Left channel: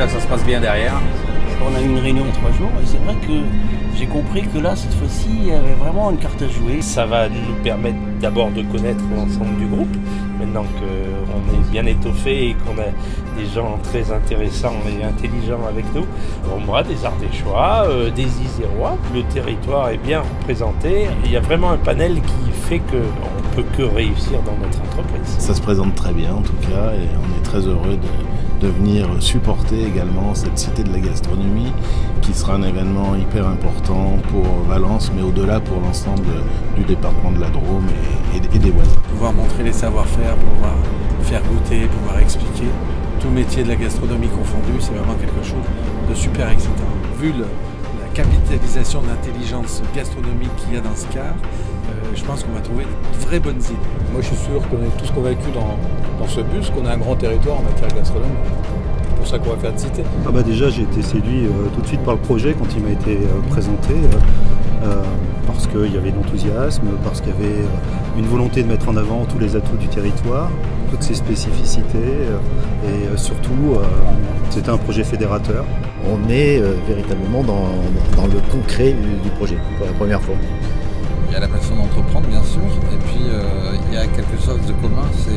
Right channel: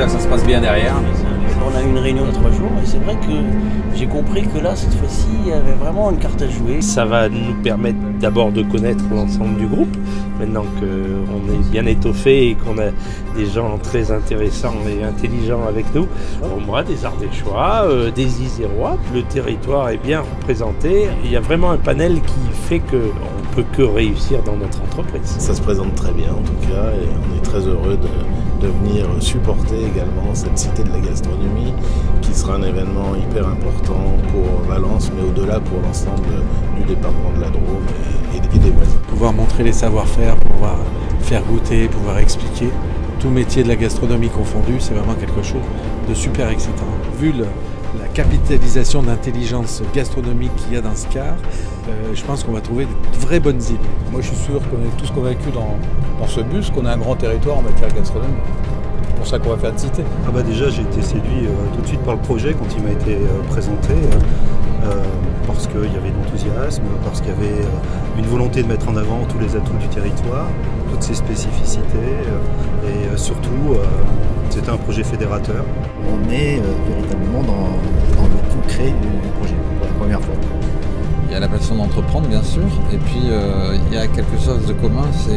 j'espère que ça se passe bien derrière. On a eu une réunion de 3 jours et c'est vrai que j'ai compris que là, cette fois-ci, il y avait vraiment une carte à jouer. Ça va nous permettre d'abord de connaître l'ensemble du groupe, maintenant qu'on est bien étoffé et qu'on a des gens très intéressants et intelligents avec nous. Moi, des Ardéchois, des Isérois, le territoire est bien représenté. Il y a vraiment un panel qui fait qu'on ne peut que réussir dans notre entreprise. Ça se présente très bien en tout cas et on est très heureux de venir supporter également cette cité de la gastronomie qui sera un événement hyper important pour Valence mais au-delà pour l'ensemble du département de la Drôme et des voisins. Pouvoir montrer les savoir-faire, pouvoir faire goûter, pouvoir expliquer, tout métier de la gastronomie confondu, c'est vraiment quelque chose de super excitant. Vu la capitalisation d'intelligence gastronomique qu'il y a dans ce car, je pense qu'on va trouver de vraies bonnes idées. Moi je suis sûr qu'on est tous convaincus dans ce bus qu'on a un grand territoire en matière gastronomique. C'est pour ça qu'on va faire une cité. Déjà j'ai été séduit tout de suite par le projet quand il m'a été présenté. Parce qu'il y avait de l'enthousiasme, parce qu'il y avait une volonté de mettre en avant tous les atouts du territoire, toutes ses spécificités et surtout c'était un projet fédérateur. On est véritablement dans le concret du projet pour la première fois. Il y a la passion d'entreprendre bien sûr, et puis il y a quelque chose de commun, c'est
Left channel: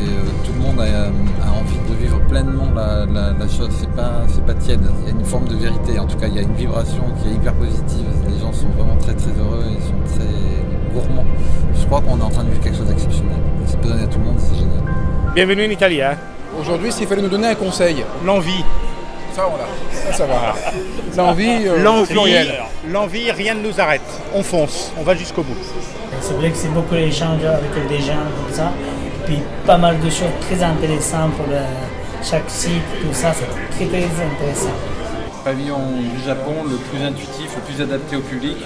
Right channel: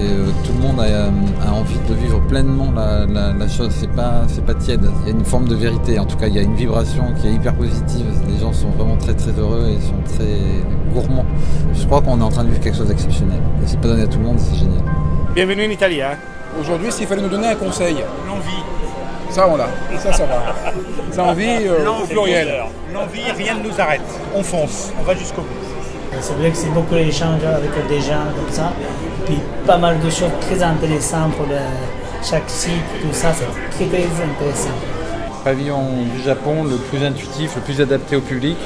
tout le monde a envie de vivre pleinement la chose, c'est pas tiède, il y a une forme de vérité, en tout cas il y a une vibration qui est hyper positive, les gens sont vraiment très très heureux et sont très gourmands. Je crois qu'on est en train de vivre quelque chose d'exceptionnel, et c'est pas donné à tout le monde, c'est génial. Bienvenue en Italie. Aujourd'hui s'il fallait nous donner un conseil, l'envie. Ça on l'a, ça va. L'envie au pluriel. L'envie, rien ne nous arrête. On fonce, on va jusqu'au bout. C'est vrai que c'est beaucoup d'échanges avec des gens comme ça. Et puis pas mal de choses très intéressantes pour chaque site, tout ça, c'est très très intéressant. Pavillon du Japon, le plus intuitif, le plus adapté au public,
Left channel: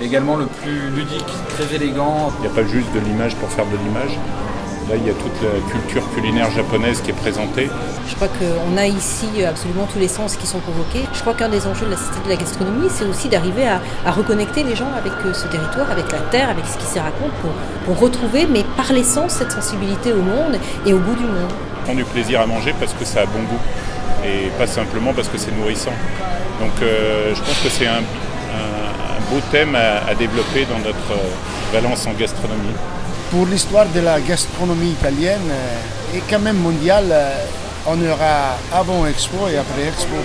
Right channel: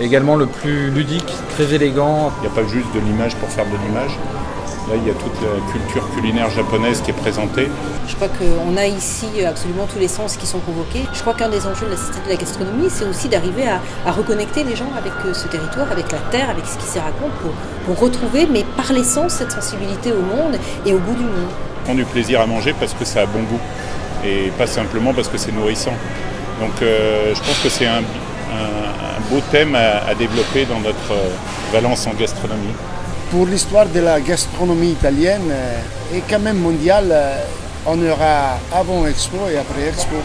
également le plus ludique, très élégant. Il n'y a pas juste de l'image pour faire de l'image. Là, il y a toute la culture culinaire japonaise qui est présentée. Je crois qu'on a ici absolument tous les sens qui sont convoqués. Je crois qu'un des enjeux de la Cité de la Gastronomie, c'est aussi d'arriver à reconnecter les gens avec ce territoire, avec la terre, avec ce qui s'y raconte, pour retrouver, mais par l'essence, cette sensibilité au monde et au goût du monde. On prend du plaisir à manger parce que ça a bon goût et pas simplement parce que c'est nourrissant. Donc je pense que c'est un beau thème à développer dans notre Valence en gastronomie. Pour l'histoire de la gastronomie italienne et quand même mondiale, on aura avant Expo et après Expo.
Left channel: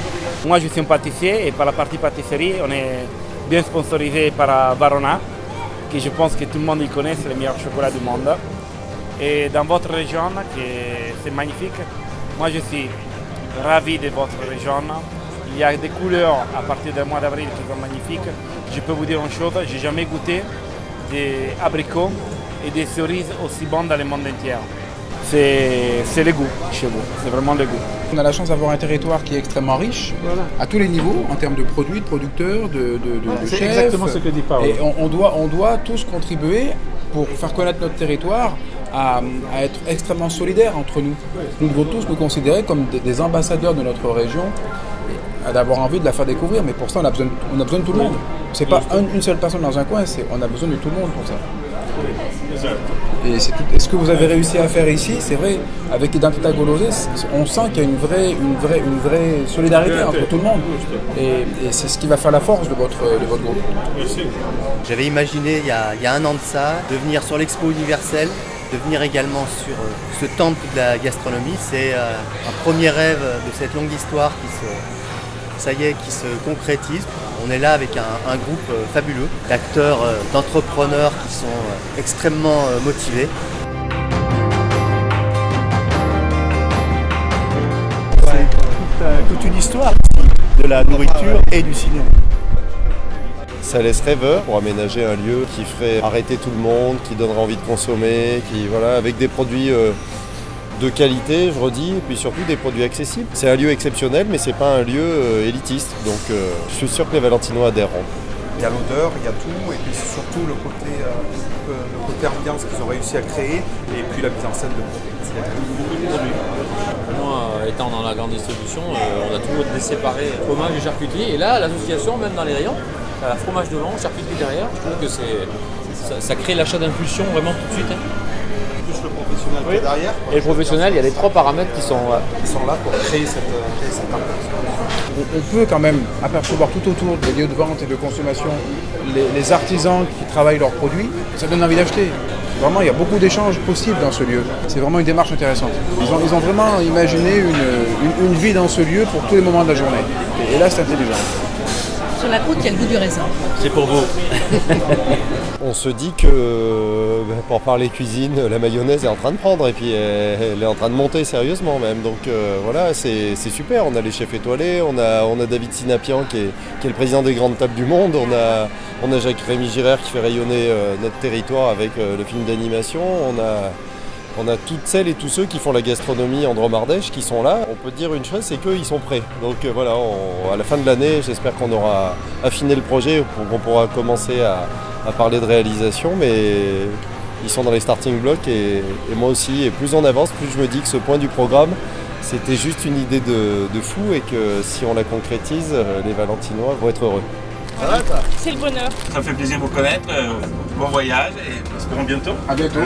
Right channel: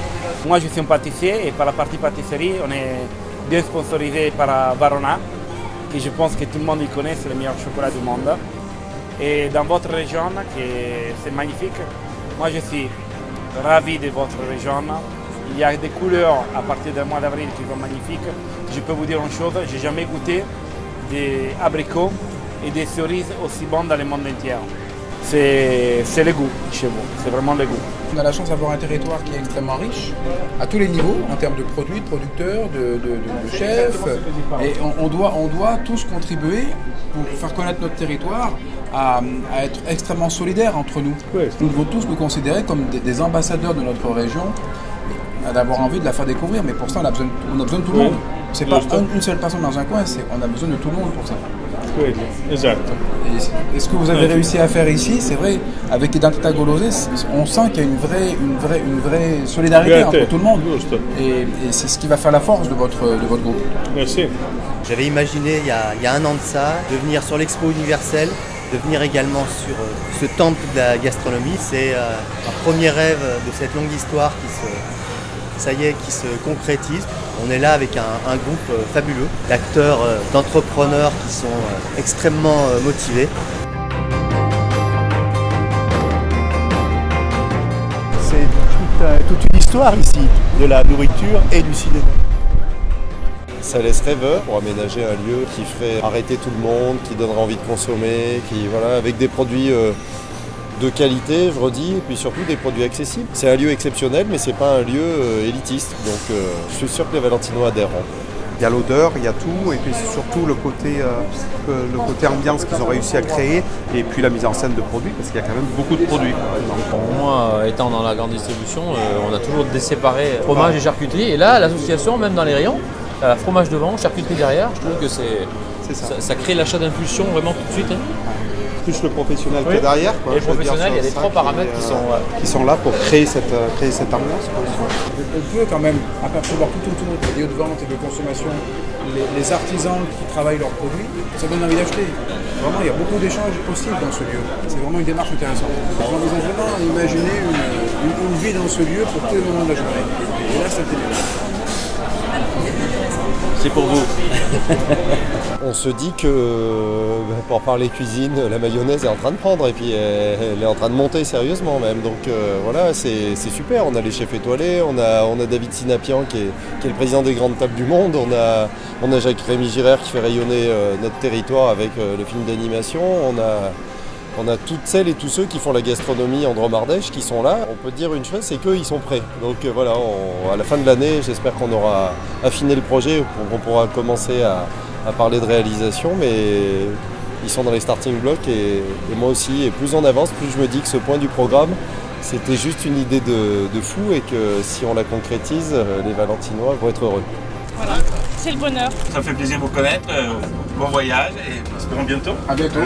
Moi je suis un pâtissier et par la partie pâtisserie on est bien sponsorisé par Varona, qui je pense que tout le monde y connaît, c'est le meilleur chocolat du monde. Et dans votre région, c'est magnifique, moi je suis ravi de votre région. Il y a des couleurs à partir du mois d'avril qui sont magnifiques. Je peux vous dire une chose, j'ai jamais goûté des abricots et des cerises aussi bonnes dans le monde entier. C'est le goût chez vous, c'est vraiment le goût. On a la chance d'avoir un territoire qui est extrêmement riche, à tous les niveaux, en termes de produits, de producteurs, de chefs. Et on doit tous contribuer pour faire connaître notre territoire, à être extrêmement solidaires entre nous. Nous devons tous nous considérer comme des ambassadeurs de notre région, d'avoir envie de la faire découvrir, mais pour ça on a besoin de tout le monde. C'est pas une seule personne dans un coin, on a besoin de tout le monde pour ça. Oui, exact. Et ce que vous avez réussi à faire ici, c'est vrai, avec Identità Golose, on sent qu'il y a une vraie solidarité entre tout le monde. Et c'est ce qui va faire la force de votre groupe. Merci. J'avais imaginé il y a un an de ça, de venir sur l'Expo universelle, de venir également sur ce temple de la gastronomie. C'est un premier rêve de cette longue histoire qui se concrétise. On est là avec un groupe fabuleux d'acteurs, d'entrepreneurs qui sont extrêmement motivés. C'est toute une histoire ici, de la nourriture et du cinéma. Ça laisse rêveur pour aménager un lieu qui ferait arrêter tout le monde, qui donnerait envie de consommer, avec des produits de qualité, je redis, et puis surtout des produits accessibles. C'est un lieu exceptionnel, mais c'est pas un lieu élitiste, donc je suis sûr que les Valentinois adhéreront. Il y a l'odeur, il y a tout, et puis surtout le côté ambiance qu'ils ont réussi à créer, et puis la mise en scène de produits, parce qu'il y a quand même beaucoup de produits. Moi, étant dans la grande distribution, on a toujours déséparé fromage et charcuterie, et là, l'association, même dans les rayons, la fromage devant, charcuterie derrière, je trouve que ça crée l'achat d'impulsion vraiment tout de suite. plus le professionnel Oui. qui est derrière. Et le professionnel, il y a les 3 paramètres qui sont là pour créer cette ambiance. On peut quand même apercevoir tout autour des lieux de vente et de consommation les artisans qui travaillent leurs produits. Ça donne envie d'acheter. Vraiment, il y a beaucoup d'échanges possibles dans ce lieu. C'est vraiment une démarche intéressante. Ils ont vraiment imaginé une vie dans ce lieu pour tous les moments de la journée. Et là, c'est intelligent. Sur la croûte, il y a le goût du raisin. C'est pour vous. On se dit que, pour parler cuisine, la mayonnaise est en train de prendre et puis elle est en train de monter sérieusement même. Donc voilà, c'est super. On a les chefs étoilés, on a David Sinapian qui est le président des grandes tables du monde. On a Jacques-Rémy Girard qui fait rayonner notre territoire avec le film d'animation. On a toutes celles et tous ceux qui font la gastronomie en Drôme-Ardèche qui sont là. On peut dire une chose, c'est qu'ils sont prêts. Donc voilà, à la fin de l'année, j'espère qu'on aura affiné le projet, qu'on pourra commencer à parler de réalisation, mais ils sont dans les starting blocks et moi aussi. Et plus on avance, plus je me dis que ce point du programme, c'était juste une idée de fou et que si on la concrétise, les Valentinois vont être heureux. Voilà, c'est le bonheur. Ça me fait plaisir de vous connaître. Bon voyage et espérons bientôt. À bientôt.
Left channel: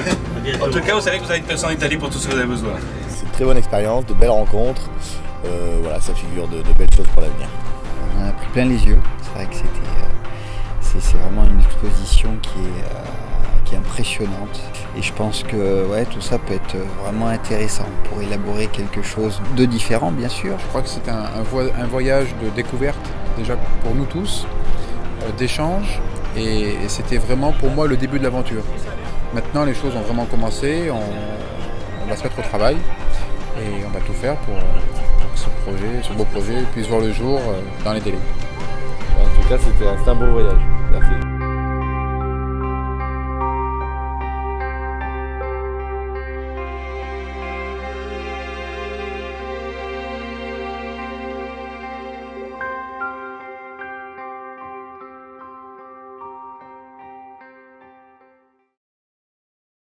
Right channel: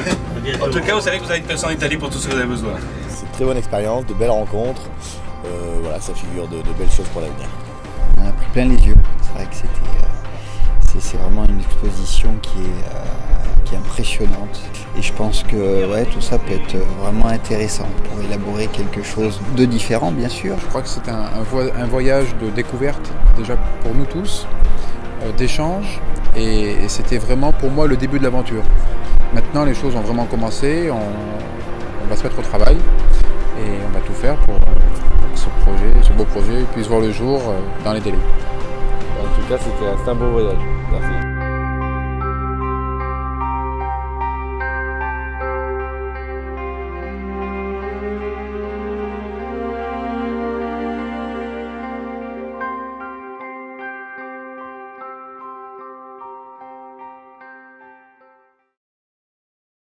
En tout cas, vous savez que vous avez une personne en Italie pour tout ce que vous avez besoin. C'est une très bonne expérience, de belles rencontres. Voilà, ça figure de belles choses pour l'avenir. On en a pris plein les yeux. C'est vrai que c'est vraiment une exposition qui est impressionnante. Et je pense que tout ça peut être vraiment intéressant pour élaborer quelque chose de différent, bien sûr. Je crois que c'est un voyage de découverte, déjà pour nous tous, d'échange. Et c'était vraiment pour moi le début de l'aventure. Maintenant, les choses ont vraiment commencé. On va se mettre au travail et on va tout faire pour que ce beau projet puisse voir le jour dans les délais. En tout cas, c'était un beau voyage. Merci.